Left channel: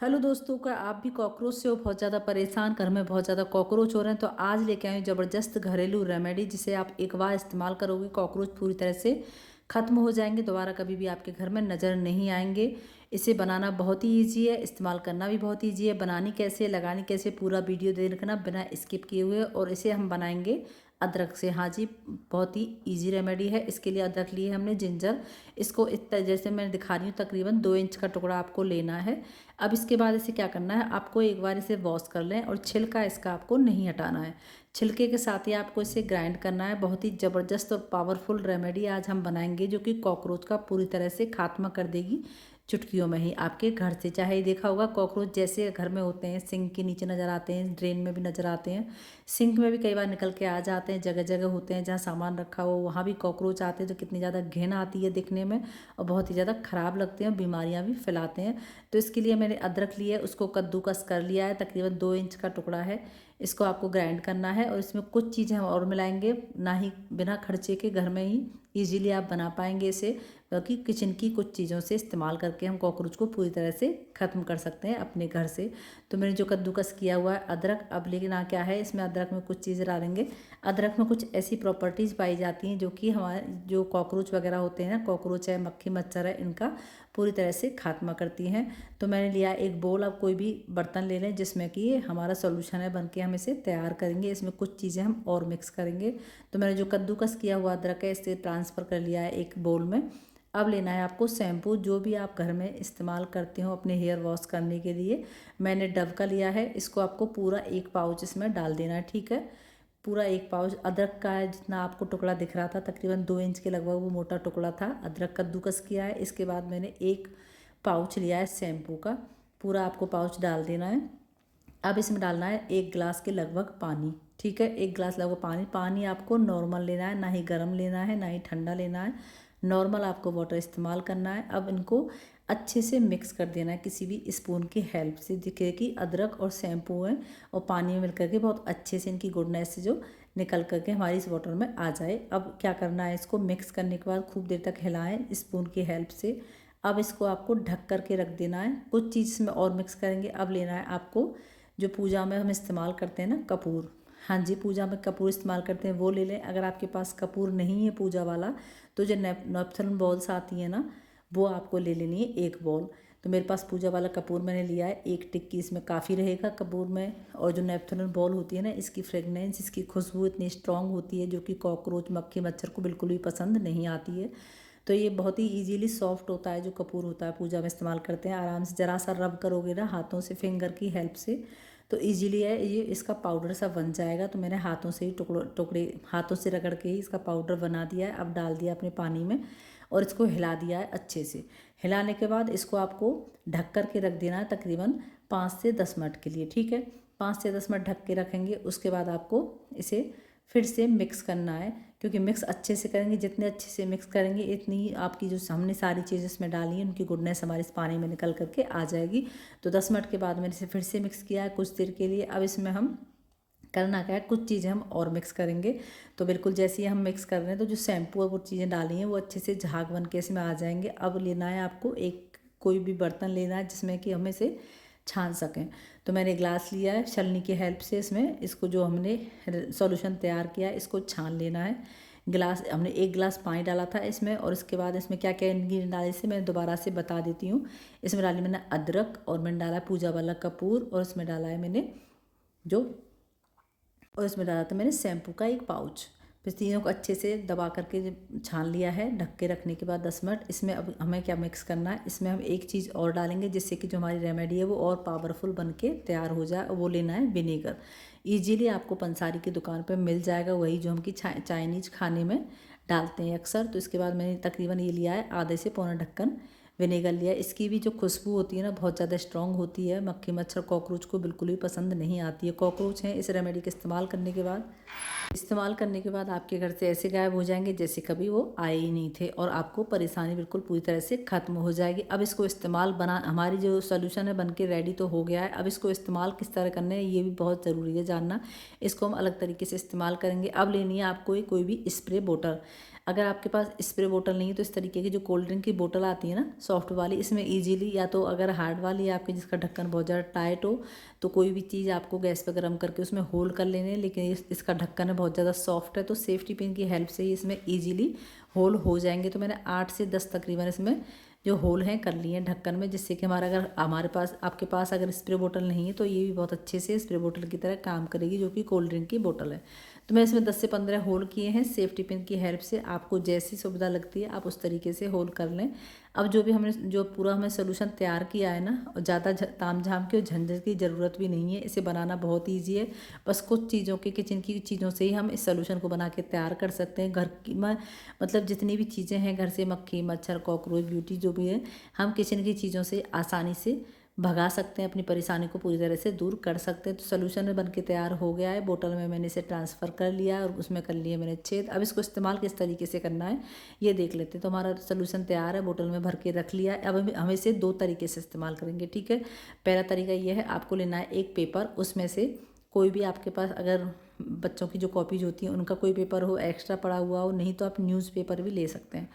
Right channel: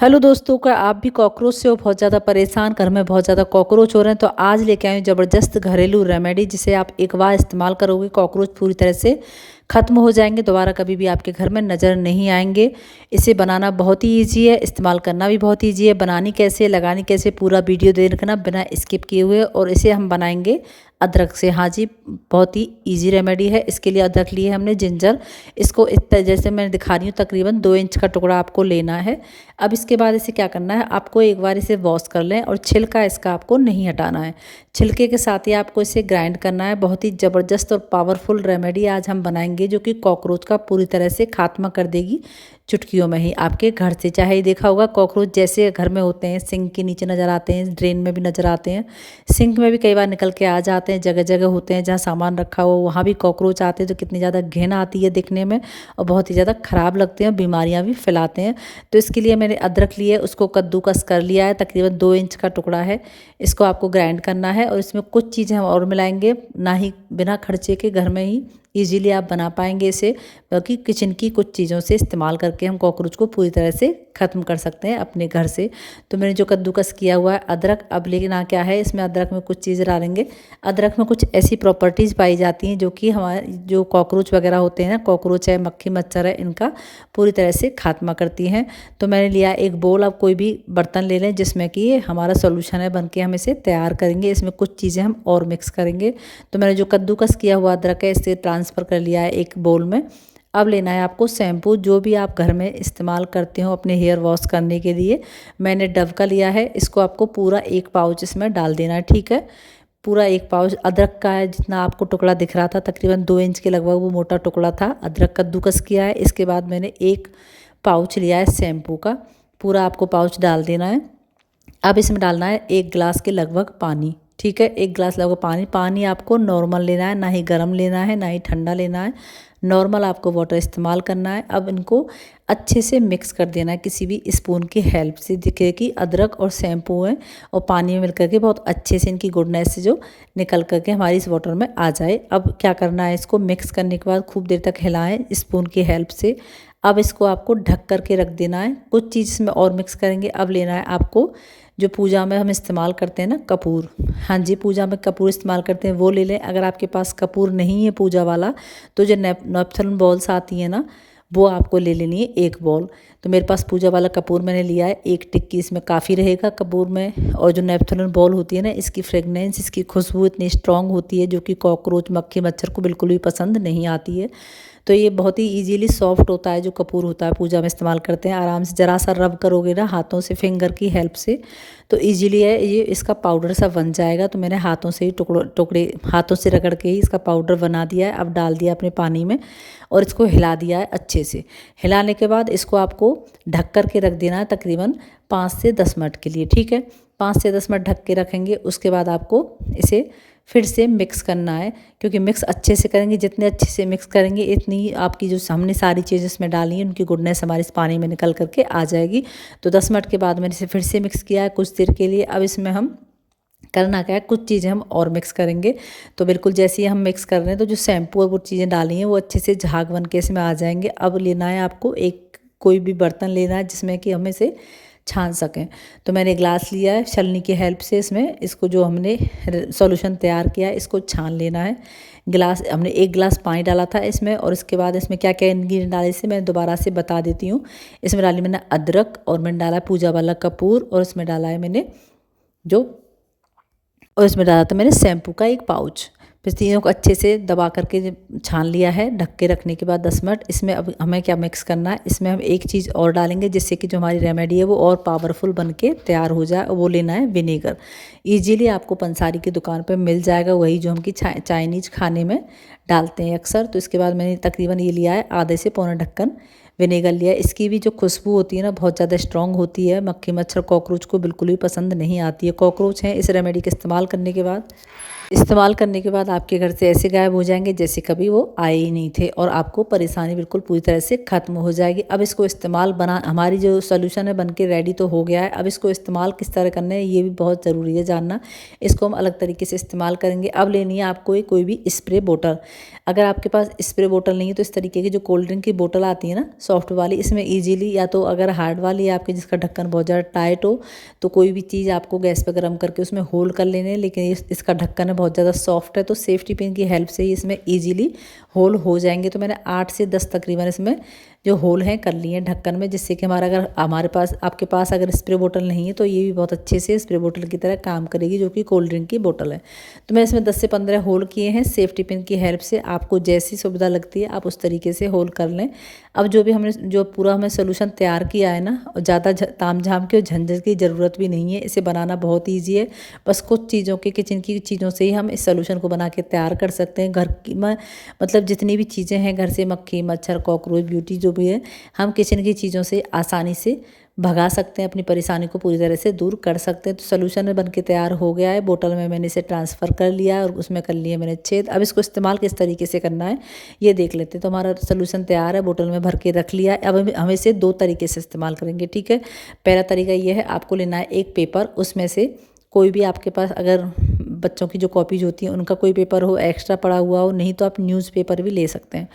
Hello दोस्तों, क्या आप भी कॉकरोच से हो बहुत ज़्यादा परेशान, घर में बहुत ज़्यादा कॉकरोच हो रहे हैं? तो आज लेके आए हूं ज़बरदस्त घरेलू रेमेडी, जिसे आप एक बार इस्तेमाल करोगे कॉकरोच पूरी तरह से ख़त्म हो जाएंगे, दोबारा कभी भी आपके घर में नज़र नहीं आएंगे। इसे बनाना बहुत ही ईजी है, इस्तेमाल करना भी बहुत ईजी है। बनानी कैसे, लगानी कैसे, पूरा वीडियो देख रखना बिना स्किप किए हुए। और इसे हम बनाएंगे अदरक से। हाँ जी, बहुत ही इजी रेमेडी है। इसके लिए अदरक लिए हमने, जिंजर। इसको इतना जैसे मैं दिखा रही हूँ, तकरीबन 2 इंच का टुकड़ा आपको लेना है। अब इसके बाद इसे क्या करना है, आपको एक बार इसे वॉश कर लें और छिलका इसका आपको नहीं हटाना है। छिलके के साथ ही आपको इसे ग्राइंड करना है। बहुत ही ज़बरदस्त और पावरफुल रेमेडी आज हम बनाएंगे, जो कि कॉकरोच का पूरी तरह से खात्मा कर देगी चुटकियों में ही आपके घर से। चाहे ही देखा होगा, कॉकरोच जैसे घर में होते हैं, सिंक के नीचे नज़र आते हैं, ड्रेन में भी नज़र आते हैं, सिंक में भी कई बार निकल के आ जाते हैं। जगह जगह होते हैं जहाँ सामान रखा हो, वहाँ भी कॉकरोच आते हैं। तो कितनी ज़्यादा घिन आती है दिखने में, और बहुत ही ज़्यादा ख़राब लगते हैं, बीमारियाँ भी फैलाते हैं। तो इसके लिए मैंने अदरक लिए, उसको कद्दूकस कर लिया है, तकरीबन 2 इंच का टुकड़ा है। इसको आपको ग्राइंड करना है, और इसमें कुछ चीज़ें हम और मिलाएंगे, ना ही बिना खर्चे के घर में ही ईजीली आप बना पाएंगे इसे, क्योंकि किचन की कुछ चीज़ों से इस्तेमाल करके हम कॉकरोच को पूरी तरह से ख़त्म कर सकते हैं अपने घर से। तो मैंने जो कद्दूकस किया हुआ है अदरक, अब लेकिन क्या है, इसमें अदरक में कुछ चीज़ें डालेंगे। अदरक में कुछ ऐसी प्रॉपर्टीज़ पाई जाती हैं जो कि हमारे जो कॉकरोच वगैरह होते हैं ना, कॉकरोच है, मक्खी मच्छर है, इनका पूरी तरह से खात्मा करती हैं। तो मैंने लिया एक बोल। अब कोई भी बर्तन ले लें जिसमें कि ये हमारा सॉल्यूशन है बन के, हम इसे तैयार करेंगे। इसमें कुछ चीज़ें हम और मिक्स करेंगे। तो मैंने जो कद्दूकस किया हुआ अदरक है, इसे ट्रांसफ़र कर लिया है एक बोल में। अब लेना है आपको शैम्पू, जो भी आप घर में इस्तेमाल करते हो अपने हेयर वॉश करने के लिए। मैंने डव का लिया है। इसको आपको पूरा एक पाउच इसमें डाल देना है, ठीक है। पूरा एक पाउच अदरक का है, जितना आपको टुकड़ा दिख रहा था, तकरीबन 2 इंच के लगभग वो मोटा टुकड़ा था। अदरक कद्दूकस किया है। इसके बाद मैंने एक पाउच लिया है शैम्पू का, पूरा आपको पाउच डाल देना है। अब इसमें डालना है 1 गिलास के लगभग पानी, ठीक है। 1 गिलास लगभग पानी। पानी आपको नॉर्मल लेना है, ना ही गर्म लेना है, ना ही ठंडा लेना है। नॉर्मल आपको वाटर इस्तेमाल करना है। अब इनको अच्छे से मिक्स कर देना है किसी भी स्पून की हेल्प से। दिखे कि अदरक और शैम्पू है और पानी में मिल करके बहुत अच्छे से इनकी गुडनेस से जो निकल करके हमारी इस वाटर में आ जाए। अब क्या करना है, इसको मिक्स करने के बाद खूब देर तक हिलाएं स्पून की हेल्प से। अब इसको आपको ढक करके रख देना है। कुछ चीज़ इसमें और मिक्स करेंगे। अब लेना है आपको जो पूजा में हम इस्तेमाल करते हैं ना, कपूर। हाँ जी, पूजा में कपूर इस्तेमाल करते हैं, वो ले लें। अगर आपके पास कपूर नहीं है पूजा वाला, तो जो नेपथलिन बॉल्स आती हैं ना, वो आपको ले लेनी है 1 बॉल। तो मेरे पास पूजा वाला कपूर मैंने लिया है, 1 टिक्की इसमें काफ़ी रहेगा कपूर में। और जो नेपथलिन बॉल होती है ना, इसकी फ्रेगनेंस, इसकी खुशबू इतनी स्ट्रॉन्ग होती है, जो कि कॉकरोच मक्खी मच्छर को बिल्कुल भी पसंद नहीं आती है। तो ये बहुत ही इजीली सॉफ्ट होता है जो कपूर होता है, पूजा में इस्तेमाल करते हैं। आराम से ज़रा सा रब करोगे ना हाथों से, फिंगर की हेल्प से, तो इजीली है ये इसका पाउडर सा बन जाएगा। तो मैंने हाथों से ही टुकड़े हाथों से रगड़ के ही इसका पाउडर बना दिया है। अब डाल दिया अपने पानी में और इसको हिला दिया है अच्छे से। हिलाने के बाद इसको आपको ढक कर के रख देना है तकरीबन 5 से 10 मिनट के लिए, ठीक है। 5 से 10 मिनट ढक के रखेंगे। उसके बाद आपको इसे फिर से मिक्स करना है, क्योंकि मिक्स अच्छे से करेंगे, जितने अच्छे से मिक्स करेंगे इतनी आपकी जो हमने सारी चीज़ें इसमें डाली हैं उनकी गुडनेस हमारे इस पानी में निकल करके आ जाएगी। तो 10 मिनट के बाद मैंने इसे फिर से मिक्स किया है कुछ देर के लिए। अब इसमें हम करना क्या है, कुछ चीज़ें हम और मिक्स करेंगे। तो बिल्कुल जैसे ही हम मिक्स कर रहे हैं, तो जो शैम्पू और वो चीज़ें डाली हैं वो अच्छे से झाग बन के इसमें आ जाएंगे। अब लेना है आपको एक कोई भी बर्तन लेना है जिसमें कि हम इसे छान सकें। तो मैंने ग्लास लिया है, छलनी की हेल्प से इसमें इसको जो हमने सॉल्यूशन तैयार किया है इसको छान लेना है। गिलास हमने 1 गिलास पानी डाला था इसमें, और इसके बाद इसमें क्या क्या इंग्रेडिएंट डाले इसे मैं दोबारा से बता देती हूँ। इसमें डाली मैंने अदरक, और मैंने डाला पूजा वाला कपूर, और इसमें डाला है मैंने जो और इसमें डाला था मैंने शैम्पू का एक पाउच। फिर तीनों को अच्छे से दबा करके छान लिया है ढक के रखने के बाद 10 मिनट। इसमें अब हमें क्या मिक्स करना है, इसमें हम एक चीज़ और डालेंगे जिससे कि जो हमारी रेमेडी है वो और पावरफुल बन के तैयार हो जाए। वो लेना है विनेगर। ईजीली आपको पंसारी की दुकान पर मिल जाएगा, वही जो हम कि चाइनीज़ खाने में डालते हैं अक्सर। तो इसके बाद मैंने तकरीबन ये लिया है आधे से पौना ढक्कन विनेगर लिया है। इसकी भी जो खुशबू होती है ना, बहुत ज़्यादा स्ट्रॉन्ग होती है, मक्खी मच्छर कॉकरोच को बिल्कुल भी पसंद नहीं आती है। कॉकरोच हैं इस रेमेडी के इस्तेमाल करने के बाद इस्तेमाल करने के बाद आपके घर से ऐसे गायब हो जाएंगे जैसे कभी वो आए ही नहीं थे और आपको परेशानी बिल्कुल पूरी तरह से ख़त्म हो जाएगी। अब इसको इस्तेमाल हमारी जो सोल्यूशन है बन के रेडी तो हो गया है। अब इसको इस्तेमाल किस तरह करना है ये भी बहुत ज़रूरी है जानना। इसको हम अलग तरीके से इस्तेमाल करेंगे। अब लेनी है आपको कोई भी स्प्रे बोतल। अगर आपके पास स्प्रे बोतल नहीं है तो इस तरीके की जो कोल्ड ड्रिंक की बोतल आती है ना सॉफ्ट वाली, इसमें ईजिली, या तो अगर हार्ड वाली है आपके जिसका ढक्कन बहुत ज़्यादा टाइट हो तो कोई भी चीज़ आपको गैस पर गर्म करके उसमें होल कर लेने, लेकिन इसका ढक्कन है बहुत ज़्यादा सॉफ्ट है तो सेफ्टी पिन की हेल्प से ही इसमें ईजिली होल हो जाएंगे। तो मैंने 8 से 10 तकरीबन इसमें जो होल हैं कर लिए हैं ढक्कन में, जिससे कि अगर हमारे पास आपके पास अगर स्प्रे बोतल नहीं है तो ये भी बहुत अच्छे से स्प्रे बोतल की तरह काम करेगी जो कि कोल्ड ड्रिंक की बोतल है। तो मैं इसमें 10 से 15 होल किए हैं सेफ्टी पिन की हेल्प से। आपको जैसी सुविधा लगती है आप उस तरीके से होल कर लें। अब जो भी हमने जो पूरा हमें सोल्यूशन तैयार किया है ना, ज़्यादा ताम झाम के और झंझट की ज़रूरत भी नहीं है। इसे बनाना बहुत ईजी है। बस कुछ चीज़ों के किचन की चीज़ों से ही हम इस सोल्यूशन को बना के तैयार कर सकते हैं। घर की मतलब जितनी भी चीज़ें हैं घर से, मक्खी मच्छर कॉकरोच ब्यूटी जो भी है, हम किचन की चीज़ों से आसानी से भगा सकते हैं, अपनी परेशानी को पूरी तरह से दूर कर सकते हैं। तो सोल्यूशन बन के तैयार हो गया है। बोतल में मैंने इसे ट्रांसफ़र कर लिया है और उसमें कर लिए मैंने छेद। अब इसको इस्तेमाल किस तरीके से करना है ये देख लेते हैं। तो हमारा सोल्यूशन तैयार है, बोतल में भर के रख लिया है। अब हम इसे 2 तरीके से इस्तेमाल करेंगे, ठीक है। पहला तरीका ये है, आपको लेना है एक पेपर, उसमें से कोई भी आपके पास अगर बच्चों की जो कॉपीज होती हैं उनका कोई पेपर हो एक्स्ट्रा पड़ा हुआ हो, नहीं तो आप न्यूज़पेपर भी ले सकते हैं।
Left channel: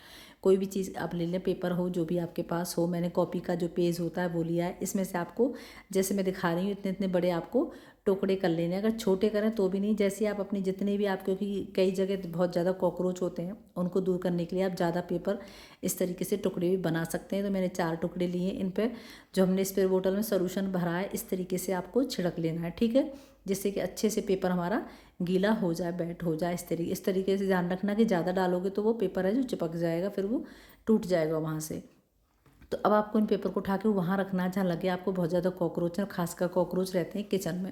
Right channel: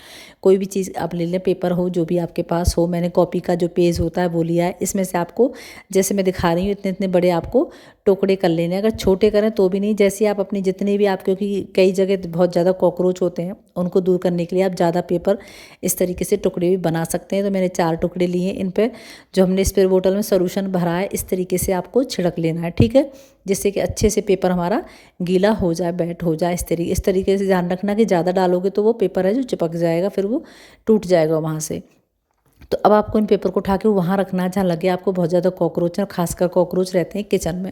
कोई भी चीज़ आप ले लें, पेपर हो जो भी आपके पास हो। मैंने कॉपी का जो पेज होता है वो लिया है। इसमें से आपको जैसे मैं दिखा रही हूँ इतने इतने बड़े आपको टुकड़े कर लेने हैं। अगर छोटे करें तो भी नहीं, जैसे आप अपनी जितने भी आप, क्योंकि कई जगह बहुत ज़्यादा कॉकरोच होते हैं उनको दूर करने के लिए आप ज़्यादा पेपर इस तरीके से टुकड़े भी बना सकते हैं। तो मैंने 4 टुकड़े लिए। इन पर जो हमने स्प्रे बोतल में सोल्यूशन भरा है इस तरीके से आपको छिड़क लेना है, ठीक है, जिससे कि अच्छे से पेपर हमारा गीला हो जाए, बैठ हो जाए। इस तरीके से ध्यान रखना कि ज़्यादा डालोगे तो वो पेपर है जो चिपक जाएगा, फिर वो टूट जाएगा वहाँ से। तो अब आपको इन पेपर को उठा के वहाँ रखना है जहाँ लगे आपको बहुत ज़्यादा कॉकरोच है। खासकर कॉकरोच रहते हैं किचन में,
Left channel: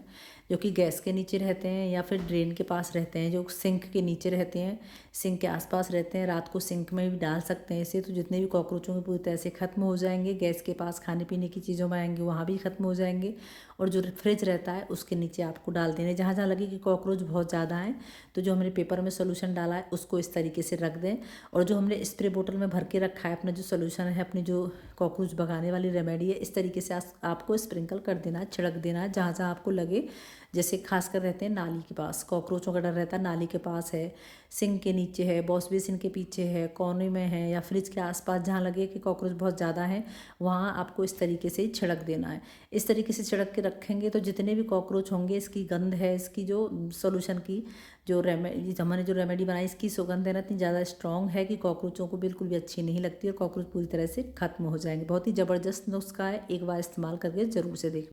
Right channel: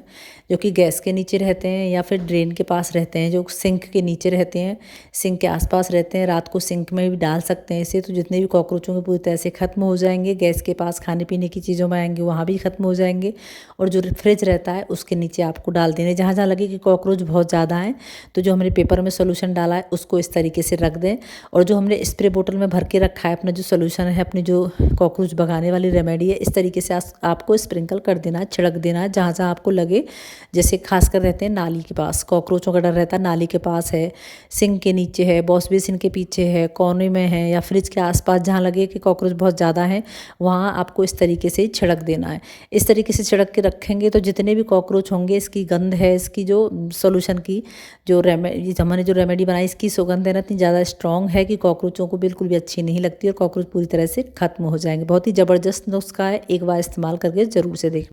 जो कि गैस के नीचे रहते हैं या फिर ड्रेन के पास रहते हैं, जो सिंक के नीचे रहते हैं, सिंक के आसपास रहते हैं। रात को सिंक में भी डाल सकते हैं इसे, तो जितने भी कॉकरोच होंगे पूरी तरह से ख़त्म हो जाएंगे। गैस के पास खाने पीने की चीज़ों में आएंगे वहाँ भी ख़त्म हो जाएंगे। और जो फ्रिज रहता है उसके नीचे आपको डाल देने, जहाँ जहाँ लगे कि कॉकरोच बहुत ज़्यादा हैं तो जो हमने पेपर में सोल्यूशन डाला है उसको इस तरीके से रख दें। और जो हमने स्प्रे बोतल में भर के रखा है अपना जो सोल्यूशन है, अपनी जो कॉकरोच भगाने वाली रेमेडी है, इस तरीके से आपको स्प्रिंकल कर देना है, छिड़क देना है जहाँ जहाँ आपको लगे। जैसे खासकर रहते हैं नाली के पास, कॉकरोचों का डर रहता है, नाली के पास है, सिंक के नीचे है, वॉश बेसिन के पीछे है, कोने में है, या फ्रिज के आसपास जहाँ लगे कि कॉकरोच बहुत ज़्यादा है वहाँ आपको इस तरीके से छिड़क देना है। इस तरीके से छिड़क के रखेंगे तो जितने भी कॉकरोच होंगे, इसकी गंध है, इसकी जो सोल्यूशन की जो हमने जो रेमेडी बनाई इसकी सुगंध है ना इतनी ज़्यादा स्ट्रॉन्ग है कि कॉकरोचों को बिल्कुल भी अच्छी नहीं लगती और कॉकरोच पूरी तरह से खत्म हो जाएंगे। बहुत ही ज़बरदस्त नुस्खा है, एक बार इस्तेमाल करके ज़रूर से देखें।